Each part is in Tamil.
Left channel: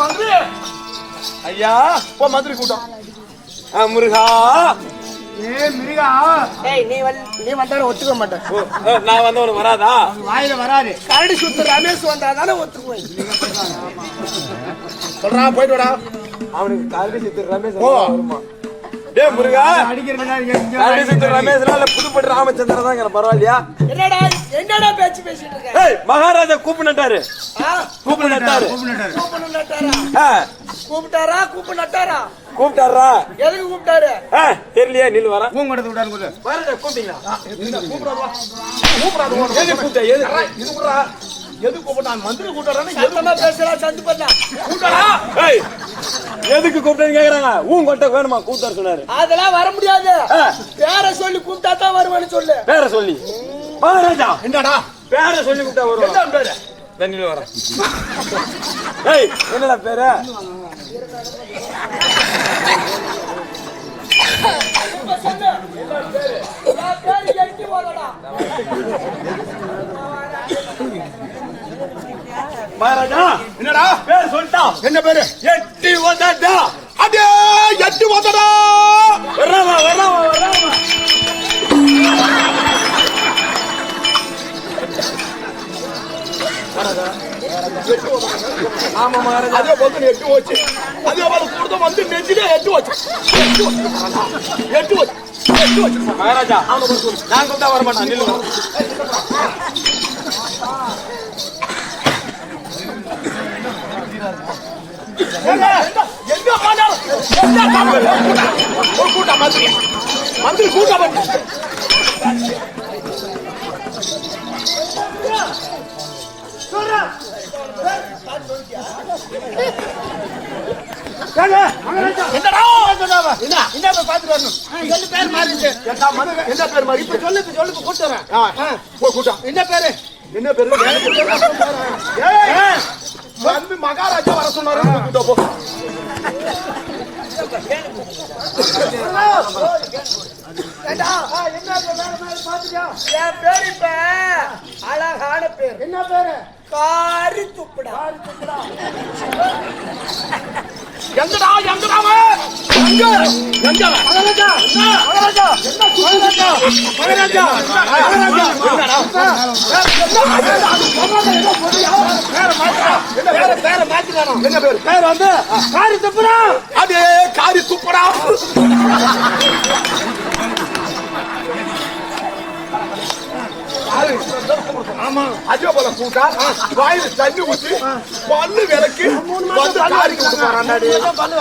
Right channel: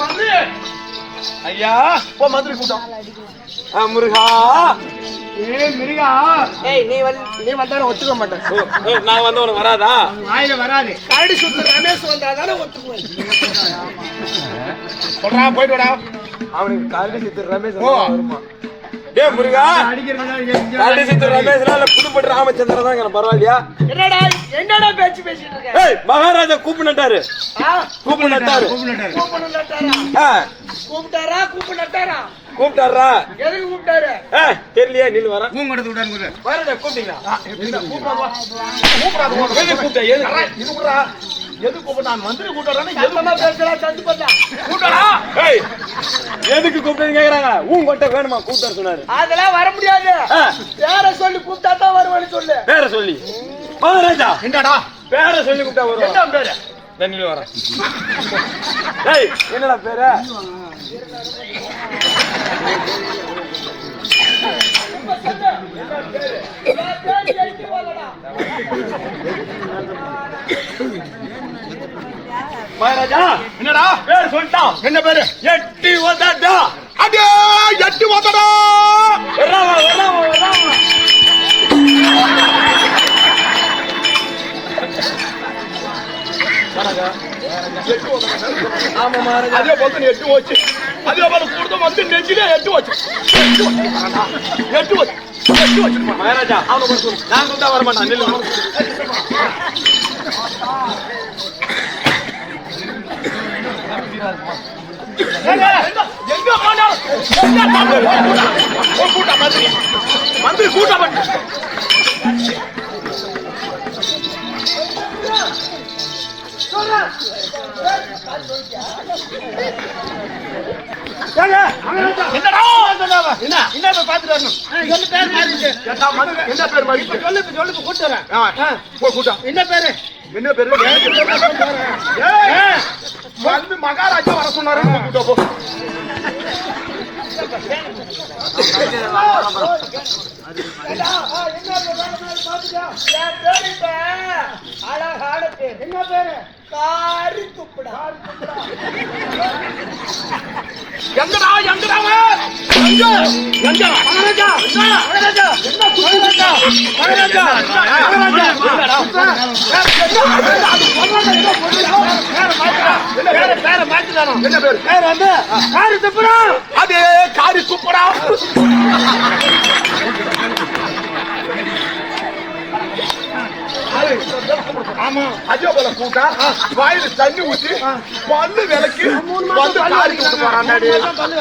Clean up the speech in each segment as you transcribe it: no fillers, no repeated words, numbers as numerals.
மந்திரி ஐயா போ மந்திரி கூட்டம். முருகா மிருகா நீ வந்தாலும் ஒத்துக்க மாட்டேன். நான் வந்து உனக்கு வராதா? வாயில வராது. கரடி சுத்த ரமேஷ் வந்தாதானே ஒத்துக்குவேன். சொல்றா போயிட்டு வாடா. அவனுக்கு கரடி சுத்த ரமேஷ் வருமா? டே முருகா கரடி சுத்த ரமேஷ்ல இல்ல புதுப்பட்டு ராமச்சந்திரன் தான் பரவாயில்லையா? என்னடா பேச்சு பேசிட்டு இருக்க? மகாராஜா கூப்பிட்டாரு. கூப்பிட்டாரா? எதுக்கு கூப்பிட்டாரு? தெரியலையே. நில்லு வர கூப்பிடாது. எது கூப்பிட்டான்? மந்திரி கூப்பிட்டாரான்னு எதுக்கு கூப்பிட்டேன்னு கேக்குறாங்க. கொட்ட வேணுமா கூப்பிட்டாரு சொன்னாரு. அதெல்லாம் வர முடியாது. பேர சொல்லி கூப்பிட்டா தான் வருவான்னு சொல்லு. பேர சொல்லி மகாராஜா என்னடா பேர சொல்லி கூப்பிட்டா வருவான். என்ன பேரு? நில்லு வர. என்னடா பேரு? மகாராஜா என்னடா பேரு சொல்லிட்டான். என்ன பேரு? எட்டி ஓதடா. அடே எட்டி ஓதடா. வராமா வராமா வராமா. மகாராஜா எட்டி ஓதடா. ஆமா மகாராஜா. அதே போல எட்டி ஓச்சு. அதே போல கூடுத வந்து நெஞ்சிலே எட்டி ஓச்சு. எட்டி ஓச்சு எட்டி ஓச்சு எட்டி ஓச்சு. மகாராஜா அவன சொல்லு. நான் கூப்பிட்டா வர மாட்டான். நில்லு. மந்திரி கூட்டம் பாத்துட்டு வரணும். என்ன பேர் மாதிரி சொல்லு கூட்டு வரேன். கூட்டம் என்ன பேரு? என்ன பேரு? வந்து மகாராஜா வர சொன்னாரு. கூட்டம் போ. அழகான பேர். என்ன பேரு? காரி துப்புடா. எங்கடா எங்கடாமா? எங்க மகாராஜா மகாராஜா என்ன மகாராஜா மகாராஜா மகாராஜா என்னடா பேர மாத்திட்டானோ? என்ன பேரு? பேர் வந்து காரி துப்புடா. அதே காரி துப்புடா. ஆமா அதே போல கூட்டா வாயில தண்ணி ஊத்தி பல்லு விளக்கி பல்லு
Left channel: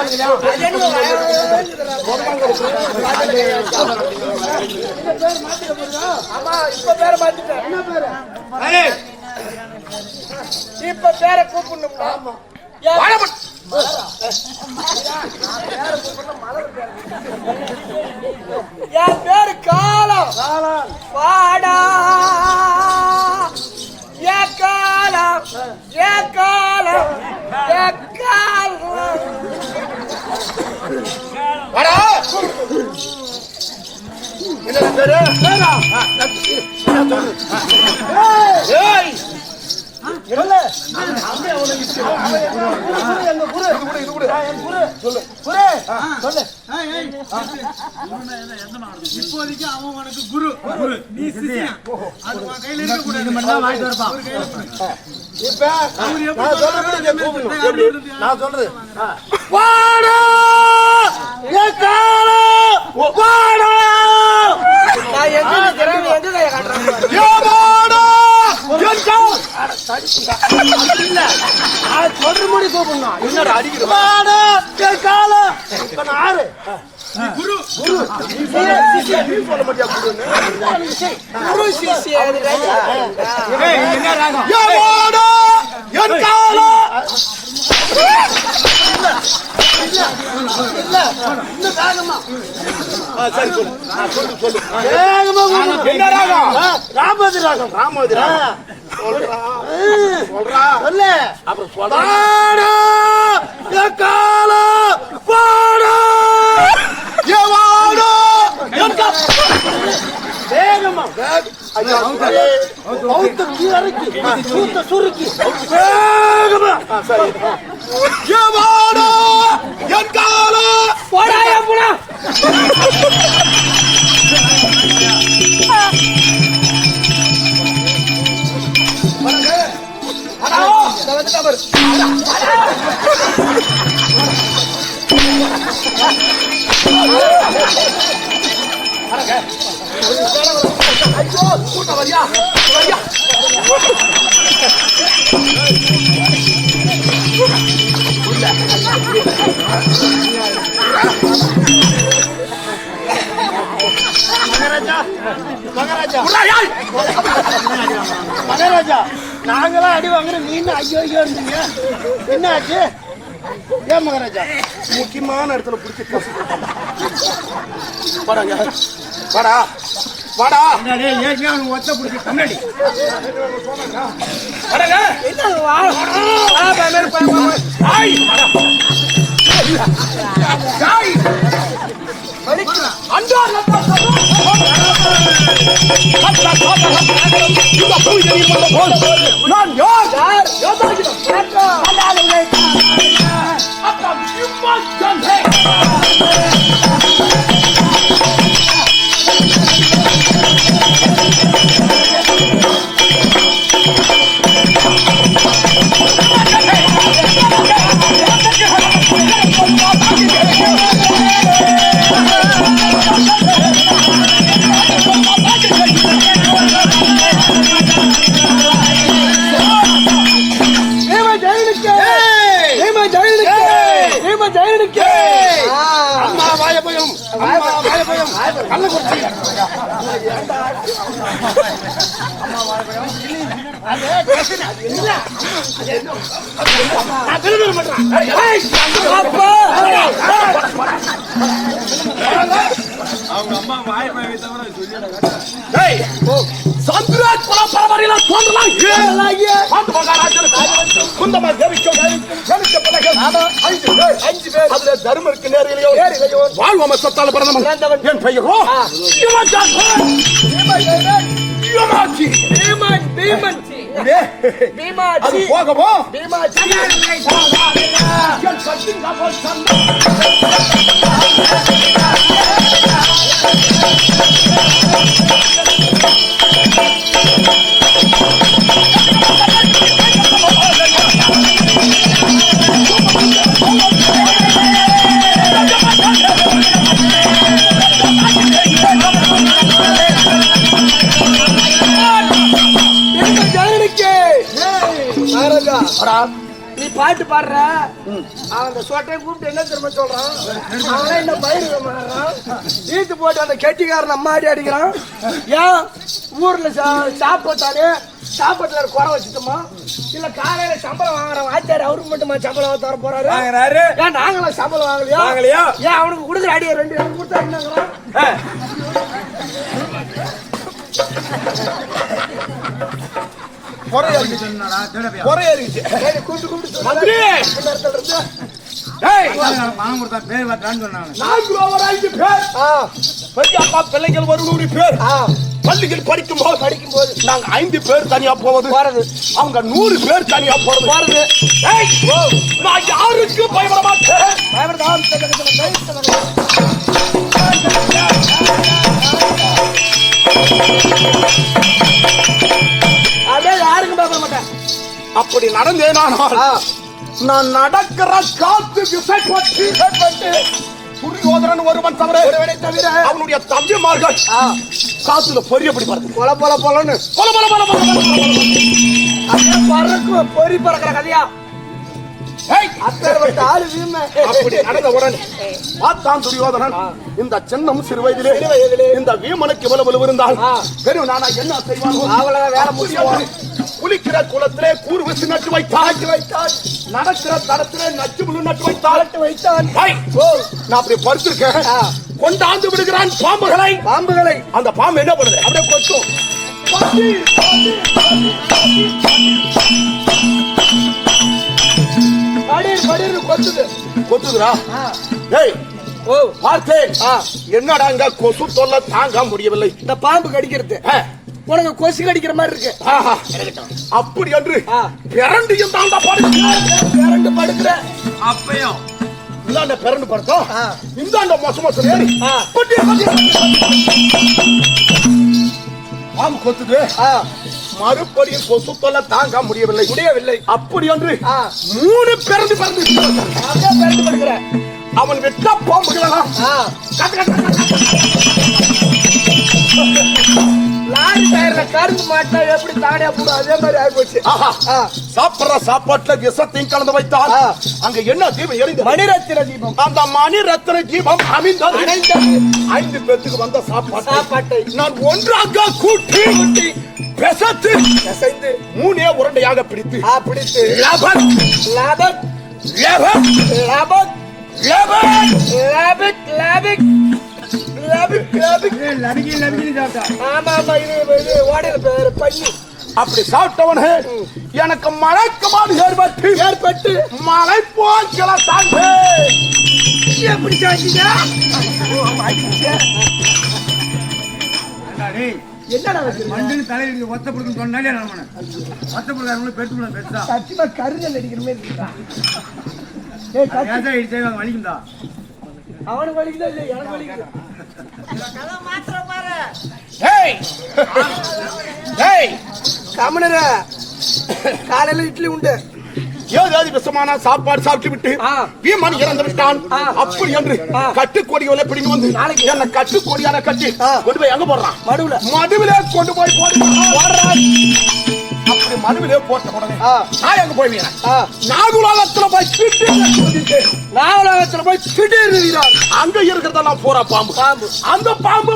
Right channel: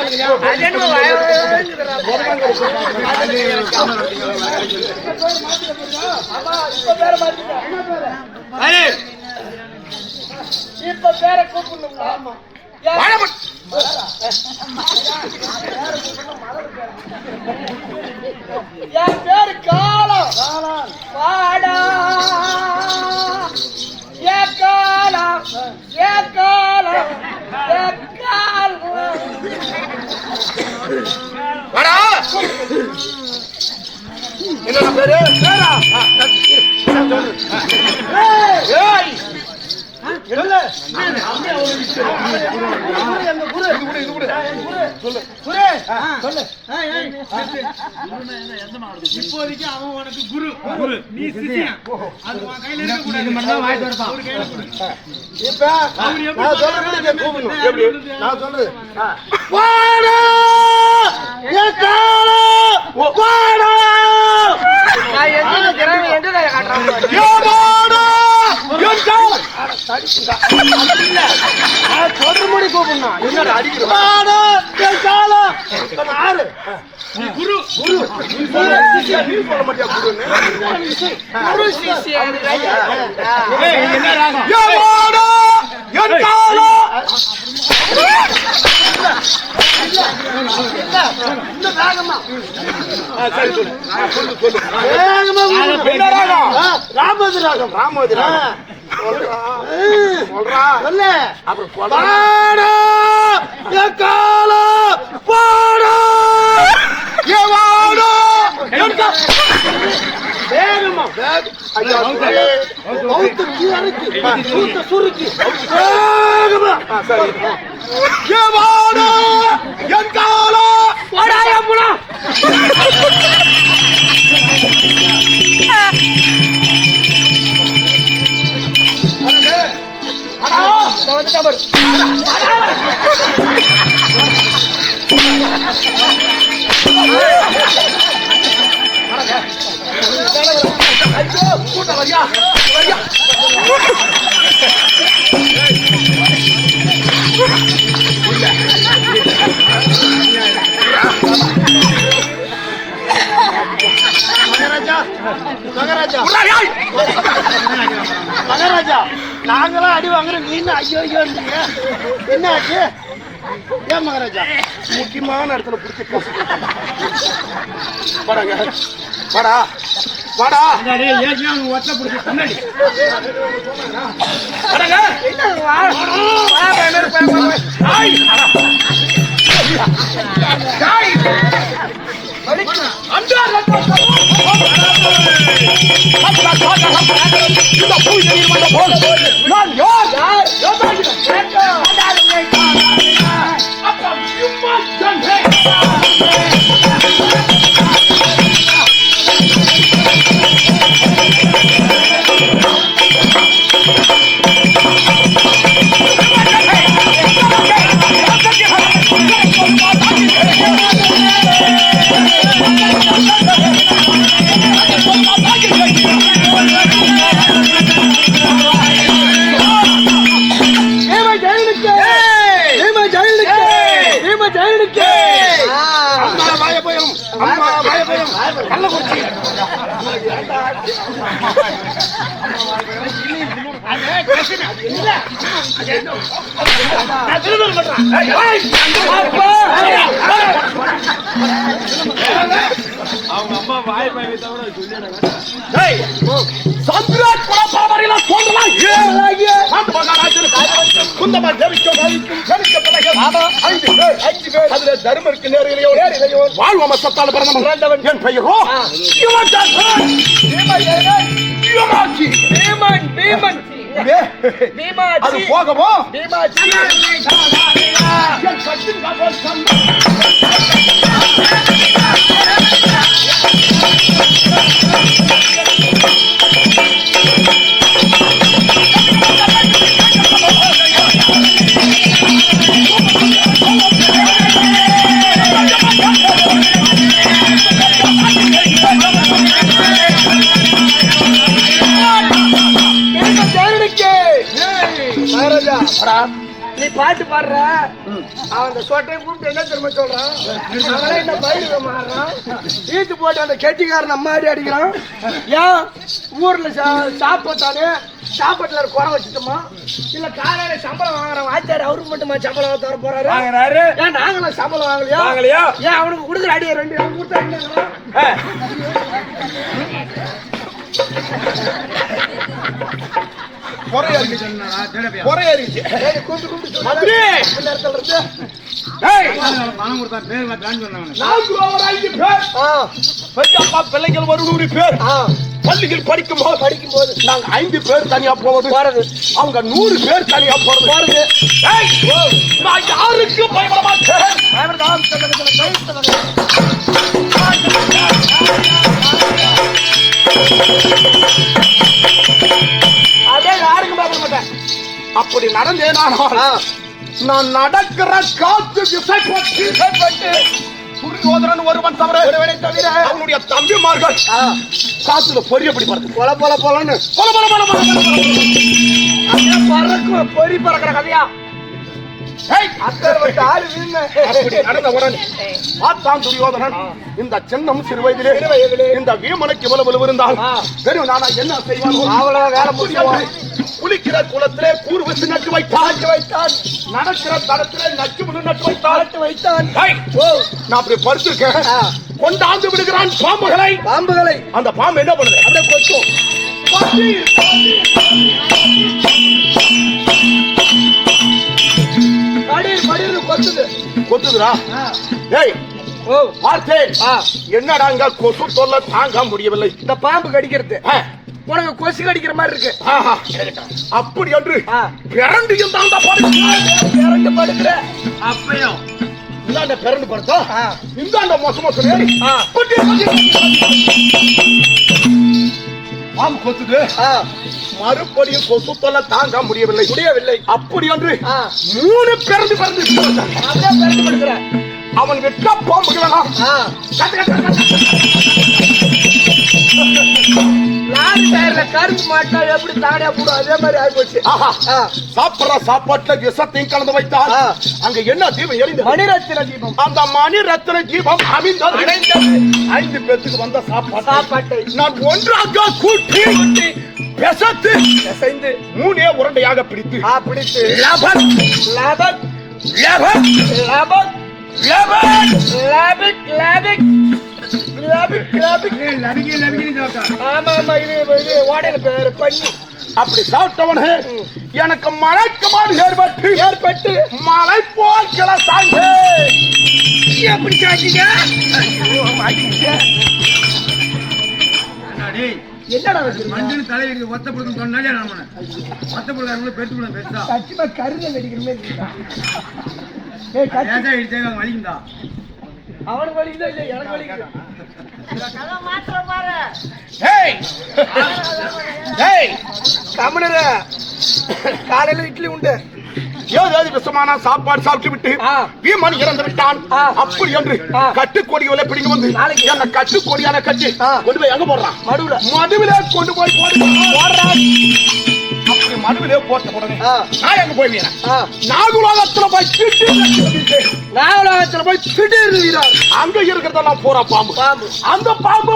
இப்ப பேர கூப்பிடணும். என் பேரு காலம். வாடா ஏ காலம் ஏ காலம் ஏ காலம். என்னடா பேரு? இப்போதைக்கு அவன் உனக்கு குரு. நீ சிஷ்யன். இப்ப நான் சொல்றது கூப்பிடணும். என்னடா அடிக்கிறோம்? குரு குரு சொல்ல மாட்டியா? ராமதி ராகம். ராமதி ராகம் சொல்றா சொல்லு. அப்புறம் வேகமா சுருக்கி மகாராஜா நாங்களாம் அடி வாங்குற மீன் ஐயோ ஐயோ என்ன ஆச்சு? ஏன் மகாராஜா முக்கியமான இடத்துல பிடிச்சி படாங்க வாடா வாடா ஒத்த பிடிச்சி கண்ணாடி நான் யார் அவங்க அம்மா வாய் சந்திராஜ் பரபரவரில தோன்றலாம் குந்தமா தேவிக்கும் அஞ்சு பேர் அதுல தர்மருக்கு நேரிலையோ வாழ்வம சத்தால பிறந்தவன் என் பெயரோ அது போகவோ நீ பாட்டு பாடுற அந்த சோட்டையை கூப்பிட்டு என்ன திரும்ப சொல்றான்? என்ன பயிர் மாறுறான் ஈத்து போட்டு அந்த கெட்டிக்காரன் அம்மாடி அடிக்கிறான். ஏன் ஊர்ல சாப்பாட்டாலே சாப்பாட்டுல குறை வச்சுட்டோமா? இல்ல காலையில சம்பளம் வாங்குறோம் ஆச்சாரி அவருக்கு மட்டுமா சம்பளம் தர போறாரு? ஏன் நாங்களும் சம்பளம் வாங்கலையா? ஏன் அவனுக்கு கொடுக்குற அடியை 2 நாள் கொடுத்தா பிள்ளைகள் 100 பேர் பள்ளிகள் படிக்கும் போது நாங்க 5 பேர் தனியா போவது அவங்க 100 பேர் தனியா போறது நான் யாருக்கு பயப்பட மாட்டேன். அதே யாருக்கும் பயப்பட மாட்டேன். அப்படி நடந்தேனானால் நான் நடக்கிற காத்து திசைப்பட்டு துரியோதனன் ஒருவன் தவிர அவனுடைய தம்பிமார்கள் காத்துல பொரியப்படி பறக்கு பொல பொல பொலன்னு பறக்கும் பொறி பறக்கிற கதையா அப்படி நடந்த உடனே பார்த்தான் துரியோதனன் இந்த சின்னம் சிறு வயதிலே இந்த வீமனுக்கு இவ்வளவு இருந்தால் பெரும் நானா என்ன செய்வான்? குளிக்கிற குளத்திலே கூறு வச்சு நட்டு வைத்தான். நடக்கிற தடத்திலே நச்சு முழு நட்டு வைத்தான். நான் அப்படி படுத்திருக்கேன். கொண்டாந்து விடுகிறான் பாம்புகளை. அந்த பாம்பு என்ன பண்ணுது? அப்படியே கொத்தும். கொத்துதுரா. பார்த்தேன் என்னடா இந்த கொசு தொல்லை தாங்க முடியவில்லை. இந்த பாம்பு கடிக்கிறது உனக்கு கொசு கடிக்கிற மாதிரி இருக்கு. அப்படி என்று பிறண்டு இருந்தா பிறண்டு படுக்கிற அப்பயும் இந்தாண்ட பிறண்டு படுத்தா இந்தாண்ட மோச மோசம் ஏறி பாம்பு கொத்துது. மறுபடியும் கொசு தொல்லை தாங்க முடியவில்லை. அப்படி என்று 3 பிறந்து படுக்கிற அவன் வெட்ட பாம்புகளெல்லாம் லாரி டயர்ல கரும்பு மாட்டா எப்படி தானே போடும் அதே மாதிரி ஆயிப்போச்சு. சாப்பிடுற சாப்பாட்டுல விஷத்தையும் கலந்து வைத்தால் அங்க என்ன தீபம் எரிந்த மணிரத்தின தீபம். அந்த மணிரத்தின தீபம் அமைந்தது. 5 பேத்துக்கு வந்த சாப்பாட்டை நான் ஒன்றாக கூட்டி பெசத்து 3 உருண்டையாக பிடித்து லபன் லபன் லபன் லபன் லபன் லபன் லபன் அப்படி சாப்பிட்டவனே எனக்கு மழைக்கமாடு ஏற்பட்டு மழை போல் கிளத்தாங்க. எப்படி சாப்பிட்டீங்க? என்னடா தலையில ஒத்த பொருள் சொன்னாலே ஒத்த பொருள் பெருத்து பெருசா சத்தியமா கருங்கல் அடிக்கிற மாதிரி வலிக்கும்டா. அவனுக்கு வலிக்குதா இல்ல எனக்கு வலிக்குது. காலையில இட்லி உண்டு. ஏதாவது விஷமான சாப்பாடு சாப்பிட்டு விட்டு வீமன் இறந்து விட்டான். அப்படி என்று கட்டுக்கோடிகளை பிடிங்க வந்து என்ன கட்டுக்கோடியான கட்டி கொண்டு போய் எங்க போடுறான்? மடுவிலே கொண்டு போய் போடுறான். அப்படி மடுவிலே போட்ட உடனே நான் எங்க போய் நாகுலோகத்துல போய் திடீர் அங்க இருக்கிறதெல்லாம் போறா பாம்பு. அந்த பாம்பு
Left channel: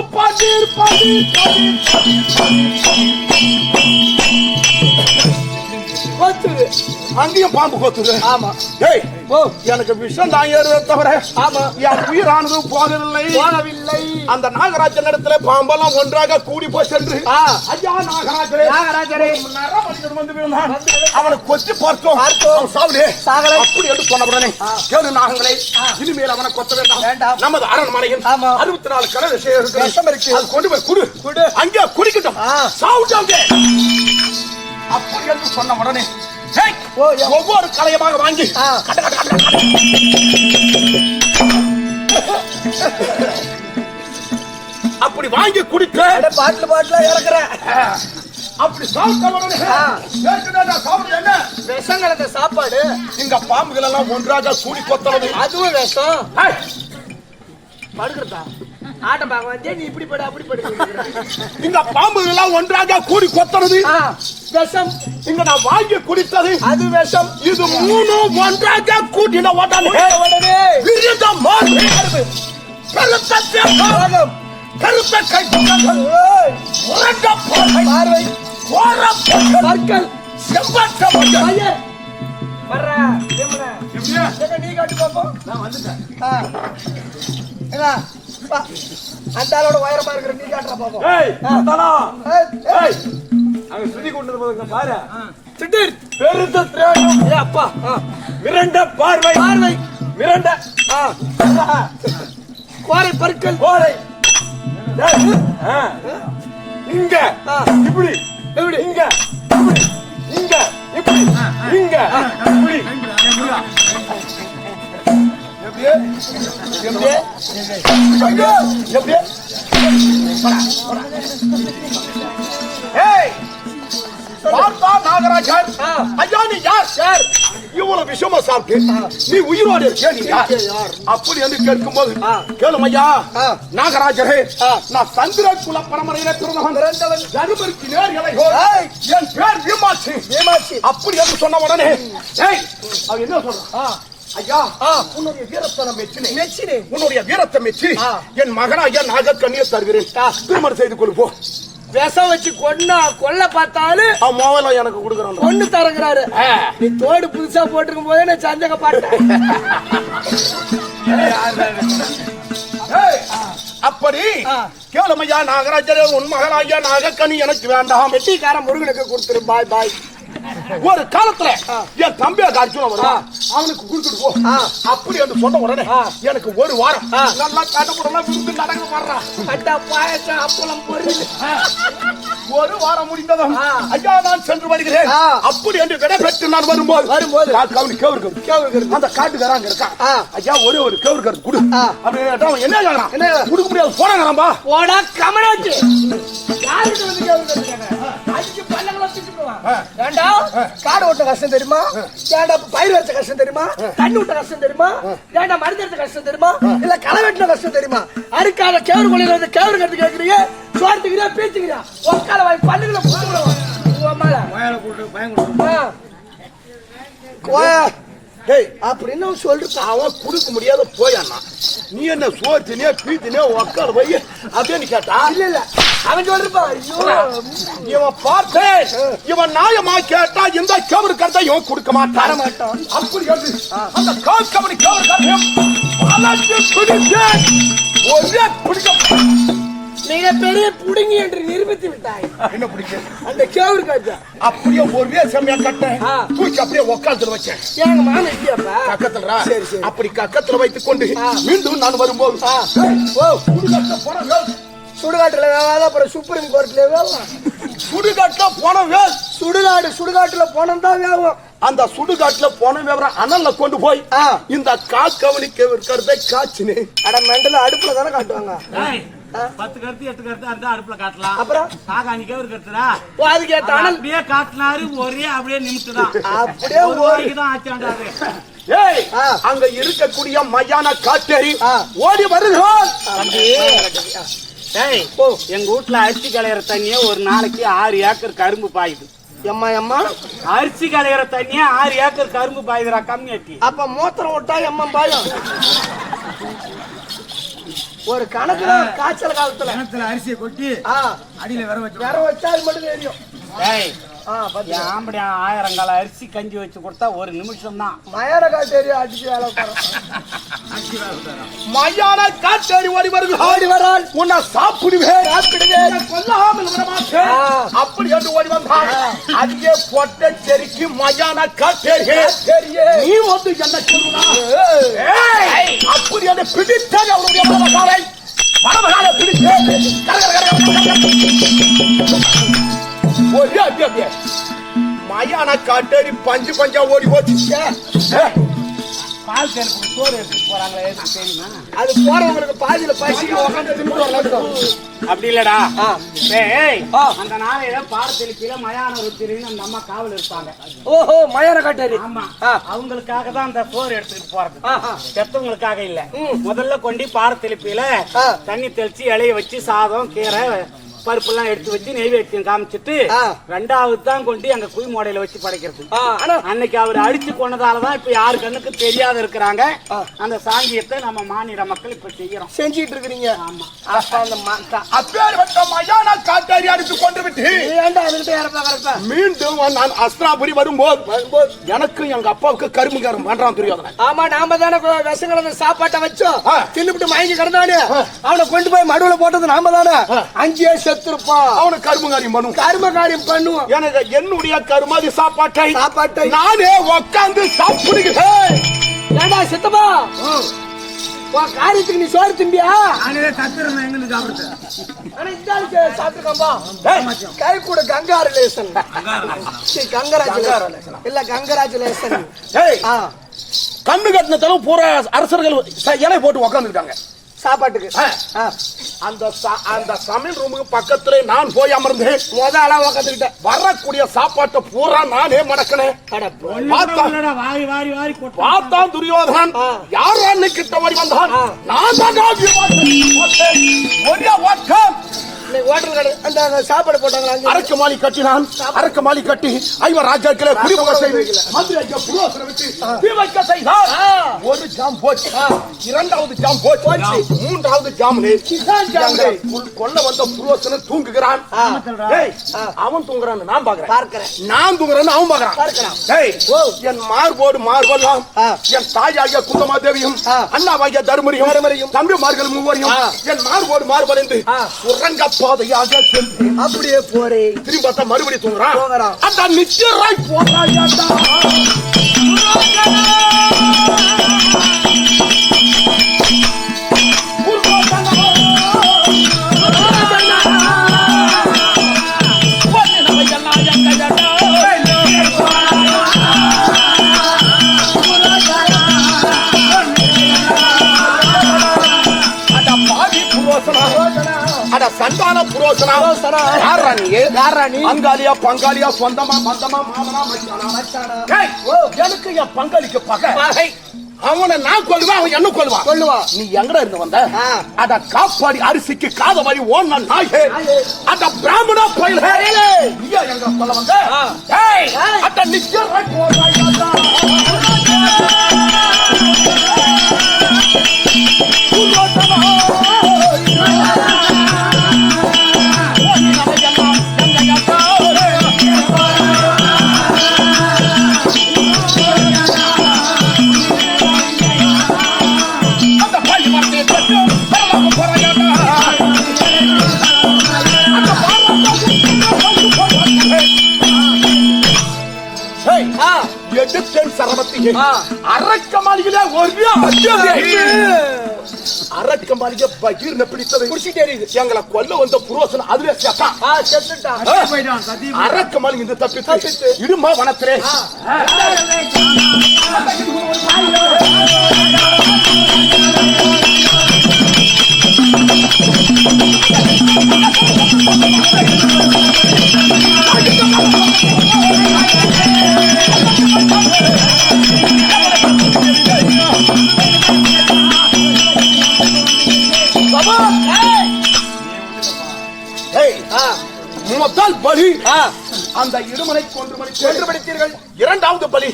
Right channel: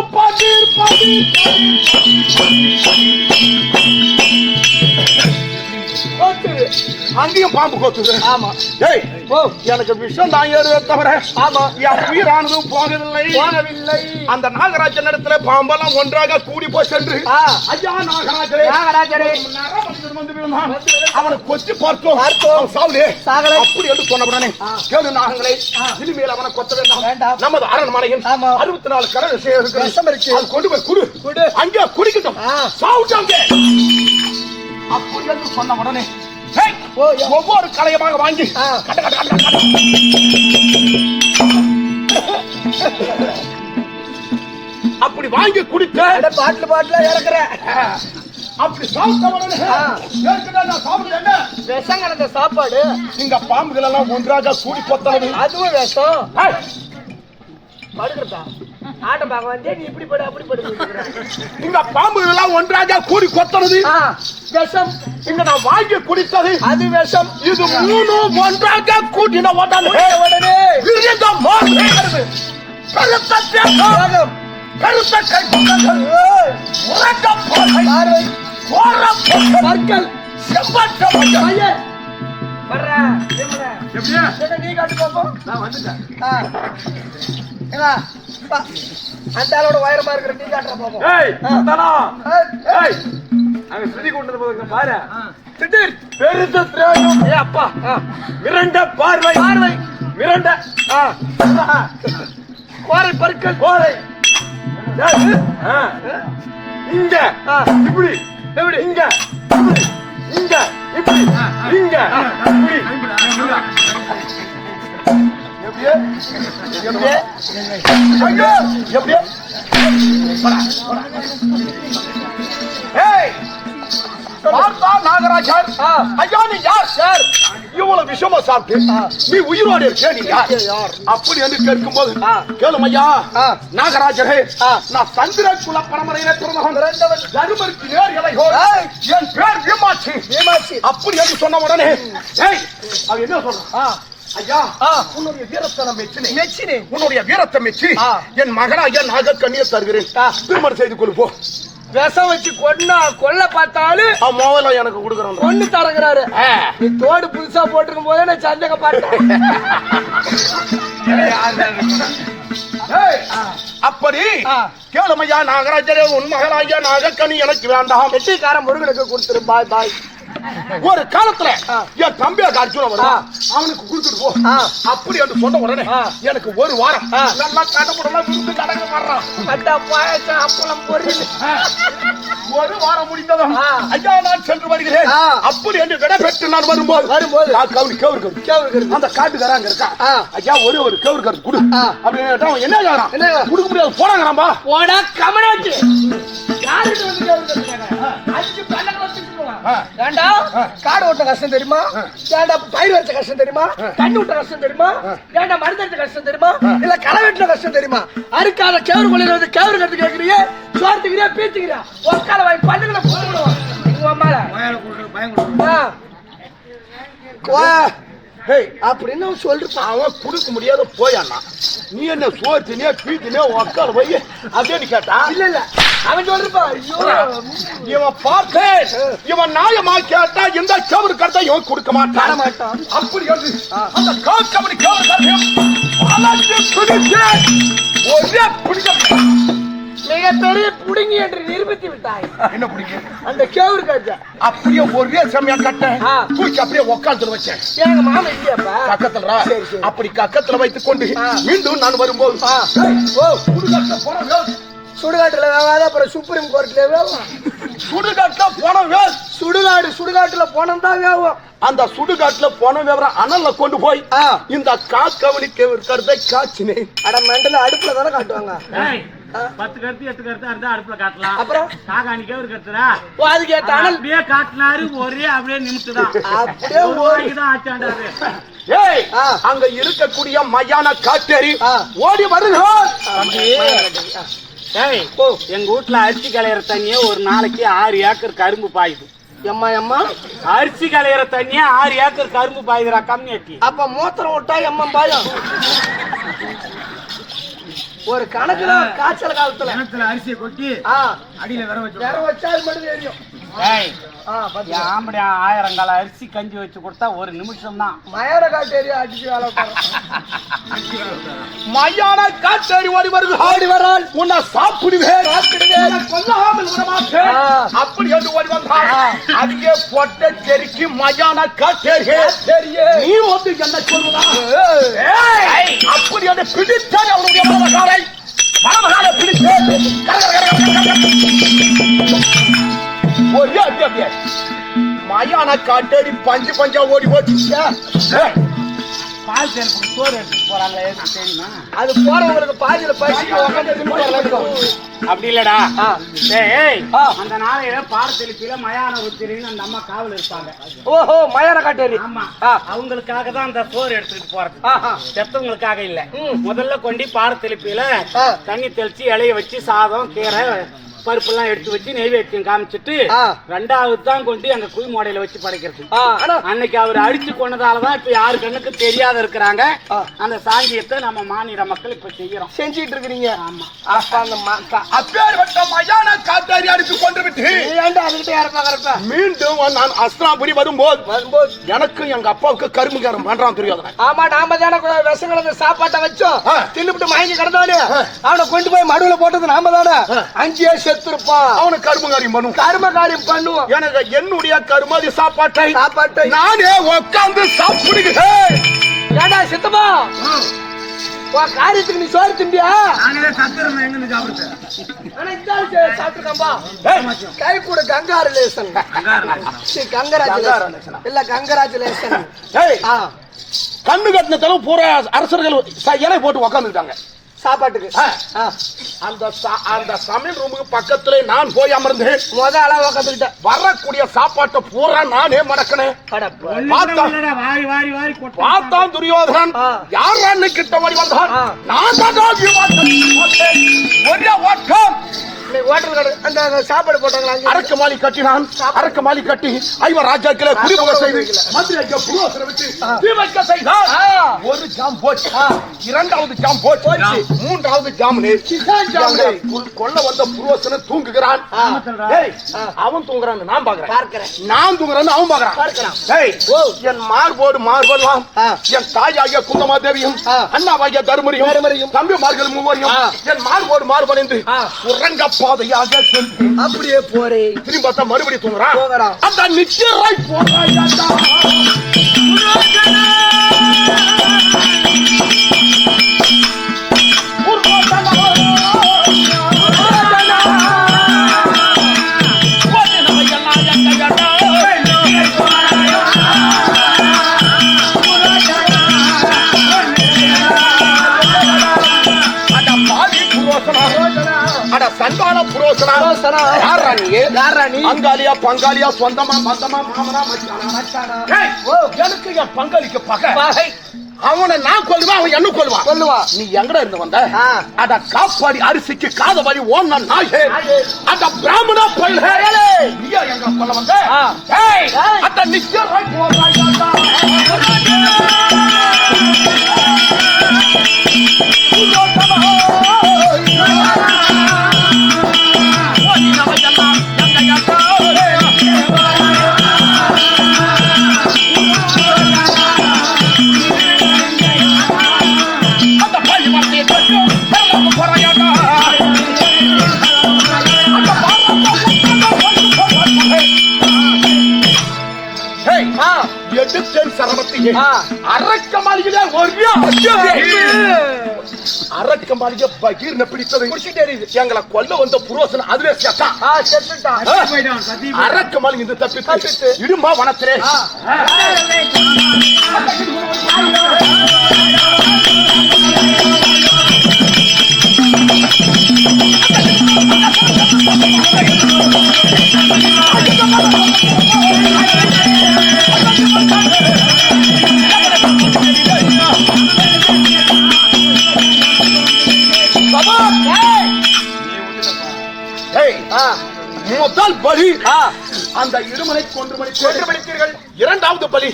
அங்கேயும் பாம்பு கொத்துது. ஆமா எனக்கு விஷம் தான் ஏறுவதை தவிர என் உயிரானது போகவில்லை. அந்த நாகராஜன் இடத்துல பாம்பெல்லாம் ஒன்றாக கூடி போய் சென்று ஐயா நாகராஜரே அவனை கொத்தி பார்த்தோம் அப்படி என்று சொன்ன உடனே கேடு நாகங்களே இனிமேல் அவனை கொத்த வேண்டாம். நமது அரண்மனையில் 64 கடல் கொண்டு போய் குடு அங்கே குடிக்கட்டும் சாவுட்டாங்க. அப்படி என்று சொன்ன உடனே ஒவ்வொரு கலையமாக வாங்கி அப்படி வாங்கி குடிக்க பாட்டுல இறக்குற. அப்படி சாப்பிட்ட உடனே விஷம் கலந்த சாப்பாடு. இங்க பாம்புகள் எல்லாம் ஒன்றாக கூடி கொத்தனது அதுவும் விஷம். படுக்கிறதா ஆட்டம் பார்க்க வந்தே நீ இப்படி படு அப்படி படு. இந்த பாம்புகள் எல்லாம் ஒன்றாக கூடி கொத்தனது விஷம். இங்க நான் வாங்கி குடித்தது அது விஷம். இது 3 ஒன்றாக கூட்டின உடனே கருத்த கை நீ காட்டு பாப்போம். நான் வந்துட்டேன். அந்த ஆளோட உயரமா இருக்கிற நீ காட்டுற பாப்போம். அங்க சுத்தி கொண்டு போங்க பாரு. திடீர் பெருத்த திரேகம் அப்பா மிரண்ட பார்வை மிரண்ட கோரை பற்கள் கோரை இங்க இப்படி இங்க இப்படி இங்க இப்படி இங்க இப்படி எப்படியே பார்த்தா நாகராஜர் ஐயா நீ யார் சார்? இவ்வளவு விஷயமா சாப்பிட்டு நீ உயிரோடு இருக்க நீ யார்? அப்படி என்று கேட்கும் போது கேளும் ஐயா நாகராஜரே நான் சந்திர குல பரம்பரையில பிறந்தவன் தருமருக்கு நேர் இளையோர் என் பேர் வீமாட்சி. அப்படி என்று சொன்ன உடனே அவ என்ன சொல்றான்? ஐயா உன்னுடைய வீரத்தை மெச்சினே உன்னுடைய வீரத்தை மெச்சி என் மகனாகிய நாகக்கண்ணியை தருகிறேன். திருமணம் செய்து கொண்டு போ. விஷம் வச்சு கொல்ல பார்த்தாலும் மோவல எனக்கு கொடுக்குறான் ஒண்ணு தரங்குறாரு. நீ தோடு புதுசா போட்டிருக்கும் போதே நான் சந்தேகப்பட்டேன். அப்படி கேளுமையா நாகராஜரே உன் மகனாகிய நாகக்கண்ணி எனக்கு வேண்டாம். வெட்டிக்கார முருகனுக்கு கொடுத்துரு. பாய் ஒரு காலத்துல என் தம்பியா அர்ஜுனன் வருவான், அவனுக்கு கொடுத்துட்டு போ அப்படி என்று சொன்ன உடனே எனக்கு ஒரு வாரம் நல்லா கடப்படலாம் விருந்து நடக்க மாட்டான். அப்பளம் பொரியல் ஒரு வாரம் முடிந்ததும் ஐயா நான் சென்று வருகிறேன் அப்படி என்று விட பெற்று நான் வரும்போது அந்த காட்டுக்காரங்க இருக்கா, ஐயா ஒரே ஒரு கேவுரு கருத்து கொடு அப்படின்னு என்ன கொடுக்க முடியாது போனாங்கப்பா. போடா கமனாச்சு யாருட்டு வந்து கேவுரு கருத்து கேட்கறேன், அஞ்சு பல்லங்களை வச்சுக்குவான். ஏண்டா காடு ஓட்ட கஷ்டம் தெரியுமா, ஏண்டா பயிர் வச்ச கஷ்டம் தெரியுமா, தண்ணி விட்ட கஷ்டம் தெரியுமா, ஏண்டா மருந்து எடுத்த கஷ்டம் தெரியுமா, இல்ல களை வெட்டின கஷ்டம் தெரியுமா, அறுக்காத கேவுரு கொள்ளையில வந்து கேவுரு கருத்து கேட்கறீங்க, சோர்த்துக்கிறியா பீச்சுக்கிறியா ஒக்கால வாய் பல்லுகளை போடுவோம் உங்க அம்மால அப்படின்னு சொல்லிருப்பான். அவன் குடுக்க முடியாத போயான்னா நீ என்ன சோத்தினே பீத்தினே உக்கால போய் அப்படின்னு கேட்டா இல்ல இல்ல அவன் சொல்லிருப்பான். இவன் பார்த்தேன் இவன் நியாயமா கேட்டா இந்த கேவரு கருத்தை இவன் கொடுக்க மாட்டான். அப்படி அந்த கேவரு கருத்தையும் ஒரே பிடிக்க மிக பெரிய புடுங்கி என்று நிரூபித்து விட்டாய். என்ன பிடிக்க அந்த கேவுரு கருத்தை அப்படியே ஒரே சமயா கட்டேன் தூக்கி அப்படியே உட்காந்துட்டு வச்சேன். எங்க மாமா இல்லையாப்பா கக்கத்துல அப்படி கக்கத்துல வைத்துக் கொண்டு மீண்டும் நான் வரும்போது சுடுகாட்டுல வேவாத அப்புறம் சுப்ரீம் கோர்ட்ல வேவும். சுடுகாட்டுல போன சுடுகாட்டுல போனம் தான் வேவும். அந்த சுடுகாட்டுல போன விவரம் அனல்ல கொண்டு போய் இந்த காக்கவனுக்கு இருக்கிறதை காய்ச்சினேன். அட மெண்டல அடுப்புல தானே காட்டுவாங்க. 10 கருத்து 8 கருத்து இருந்தா அடுப்புல காட்டலாம். அப்புறம் காக்கானிக்கே ஒரு கருத்துடா அதுக்கு அனல் அப்படியே காட்டினாரு ஒரே அப்படியே நிமிஷம்தான் அப்படியே ஓடிதான் ஆச்சாண்டாரு. ஏய் அங்க இருக்கக்கூடிய மையான காட்டேரி ஓடி வருகிறான். ஏய் எங்க வீட்டுல அரிசி களையிற தண்ணியே ஒரு நாளைக்கு 6 ஏக்கர் கரும்பு பாயுது. எம்மா அரிசி களையிற தண்ணியே 6 ஏக்கர் கரும்பு பாயுதுரா கம்மியாக்கி. அப்ப மூத்திரம் விட்டா எம்மா பாயம். ஒரு கணக்குல காய்ச்சல் காலத்துல அரிசியை கொட்டி அடியில வேற வச்சா அது மட்டும் தெரியும். ஆம்படி 1000 கால அரிசி கஞ்சி வச்சு கொடுத்தா ஒரு நிமிஷம் தான் மயான காட்டேரி அடிச்சு வேலை மையான காட்டேரி ஓடி வருகிறாள். உன்னை சாப்பிடுவேன் கொல்லாமல் விடமாட்டேன் அப்படி என்று ஓடி வந்தாள். அதுக்கே பொட்டை செருக்கி மையான காட்டேரி நீ வந்து என்ன சொல்லுவா அப்படி என்று பிடித்தால் அவனுடைய மனமகாலை பிடித்தேன். மயான காட்டேரி பஞ்சு பஞ்சா ஓடி போச்சு. பால் சேர்ப்பு சோறு எடுத்துட்டு போறாங்களே தெரியுமா, அது போறவங்களுக்கு பாதியில பசி அப்படி இல்லடா. அந்த நாளையில பாரத்தெளிப்பில மயான ருத்திரின்னு அந்த அம்மா காவல் இருப்பாங்க. ஓஹோ மயான காட்டேரி. ஆமா அவங்களுக்காக தான் அந்த சோறு எடுத்துக்கிட்டு போறது, செத்தவங்களுக்காக இல்ல. முதல்ல கொண்டு பாரத்தெளிப்பில தண்ணி தெளிச்சு இலைய வச்சு சாதம் கீரை பருப்பு எல்லாம் எடுத்து வச்சு நெய்வேத்தியம் காமிச்சிட்டு 2வது தான் கொண்டு அங்க குய் மோடையில வச்சு படைக்கிறது. அன்னைக்கு அவர் அடிச்சு கொண்டதாலதான் இப்ப யாரு கண்ணுக்கு தெரியாத இருக்கிறாங்க. அந்த சாங்கியத்தை நம்ம மாநில மக்கள் இப்ப செய்யறோம், செஞ்சுட்டு இருக்கிறீங்க. ஆமா அப்பேற்பட்ட மயான காட்டேரி அடித்து கொண்டு விட்டு மீண்டும் நான் அஸ்திராபுரி வரும்போது எனக்கு எங்க அப்பாவுக்கு கரும்புகாரம் பண்றான் தெரியாத. ஆமா நாம தானே விஷம் கலந்த சாப்பாட்டை வச்சோம் தின்னுபிட்டு மயங்கி கிடந்தானு அவனை கொண்டு போய் மடுவுல போட்டது நாம தானே. 5 செத்துருப்பான். அவனுக்கு கருமகாரியம் பண்ணுவோம். எனக்கு என்னுடைய கருமாதி சாப்பாட்டை நானே உட்கார்ந்து சாப்பிடுகிறேன். ஏண்டா சித்தமா காரியத்துக்கு நீ சோறு திம்பியா? சாப்பிட்டுருக்காம்பா கை கூட கங்காரலேசன் இல்ல கங்கராச்சுலேசன். கண்ணு கட்டின தடவை பூரா அரசர்கள் இலை போட்டு உக்காந்துட்டாங்க சாப்பாட்டுக்கு. அந்த சமையல் ரூமுக்கு பக்கத்துல நான் போய் அமர்ந்தேன். முதல்ல உக்காந்துக்கிட்டேன். வரக்கூடிய சாப்பாட்டை பூரா நானே மடக்கினேன். பார்த்தான் துரியோதனன் யார் கிட்ட ஓடி வந்தான். நான் சாப்பாடு போட்டாங்க. அரக்கு மாலி கட்டினான். அரக்கு மாலி கட்டி 5 ராஜாக்களை குடிபுக செய்து மந்திரிக்கு புரோசனை விட்டு தீ வைக்க செய்தார். ஒரு ஜாம் போச்சு, இரண்டாவது ஜாம் போச்சு, மூன்றாவது ஜாம் கொல்ல வந்த புரோசன தூங்குகிறான். அவன் தூங்குறான், நான் பார்க்கிறேன். நான் தூங்குறேன்னு அவன் பார்க்கிறான். என் மார்போடு மார்பெல்லாம் என் தாயாகிய குந்தமாதேவியும் அண்ணாவாகிய தருமரியும் தம்பிமார்கள் மூவரையும் என் மார்போடு மார்படைந்து உறங்க பாதையாக சென்று அப்படியே போறேன். திரும்பி பார்த்தா மறுபடி தூங்குறான். அந்த நிச்சயராய் போறாயாடா. சந்தான புரோசனா யாராணி? அங்காளியா பங்காளியா சொந்தமா மந்தமா மாமனா மச்சானா? எனக்கு என் பங்காளிக்கு பகை. அவனை நான் கொள்ளுவேன், அவன் என்ன கொள்ளுவான். நீ எங்கட இருந்து வந்த? அட காப்பாடி அரிசிக்கு காத மாதிரி ஓன நாயே, அட பிராமணா பயில நீயா எங்க கொள்ள வந்த? அட நிச்சயராய் போறாயாடா. அரக்கமாளிகளே ஒரே அரக்கமாளிகை பகீர்னு பிடித்தது எங்களை கொல்ல வந்த புரோசன அதுவே அரக்கமாளி இந்த தப்பித்து இடுமா வனத்திலே முதல் பலி அந்த இடுமனை கொன்று மடித்தீர்கள். இரண்டாவது பலி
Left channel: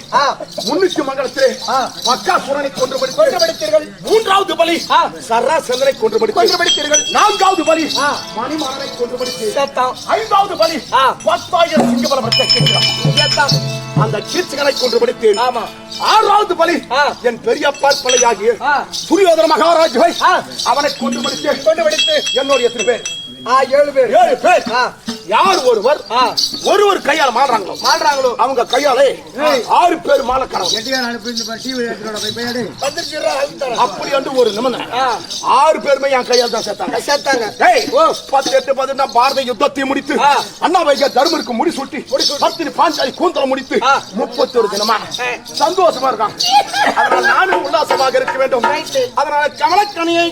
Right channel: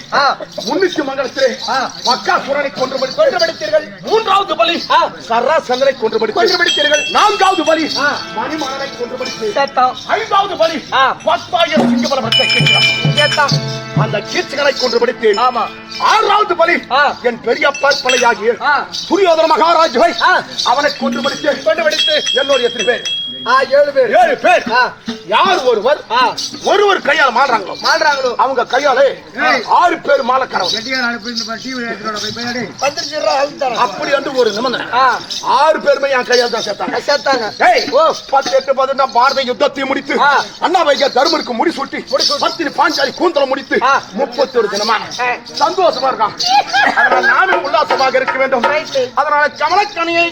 முன்னிச்சு மங்கலத்திலே பக்காசுரனை கொன்று மடித்தீர்கள். மூன்றாவது பலி சராசந்தனை கொன்று மடித்தீர்கள். நான்காவது பலி மணிமணனை கொன்று மடித்தீர்கள். ஐந்தாவது பலி 10,000 சிங்கபலத்தை கேட்கிறார். அந்த கீர்த்திகளை கொன்று மடித்தேன். ஆறாவது பலி என் பெரிய பார்ப்பலையாகிய துரியோதன மகாராஜை அவனை கொன்று மடித்து என்னோட எத்தனை பேர்? 7 பேர். யார் ஒருவர் கையால மாடுறாங்களோ அவங்க கையாலே 6 பேர் மாலை கடவுள் அப்படி என்று ஒரு நிபந்தனை. 6 பேருமே என் கையால் தான் சேர்த்தாங்க. 18 பாரத யுத்தத்தை முடித்து அண்ணாவையா தருமருக்கு முடி சுட்டி பத்தினி பாஞ்சாலி கூந்தலம் முடித்து 31 தினமா சந்தோஷமா இருக்கான். அதனால நாமே உல்லாசமாக இருக்க வேண்டும். அதனால கமலக்கணியை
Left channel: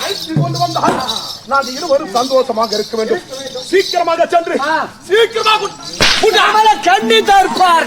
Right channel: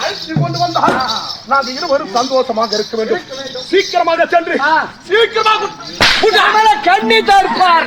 அழைத்து கொண்டு வந்தால் நாங்கள் இருவரும் சந்தோஷமாக இருக்க வேண்டும். சீக்கிரமாக சென்று சீக்கிரமாக கண்ணி தோற்பார்.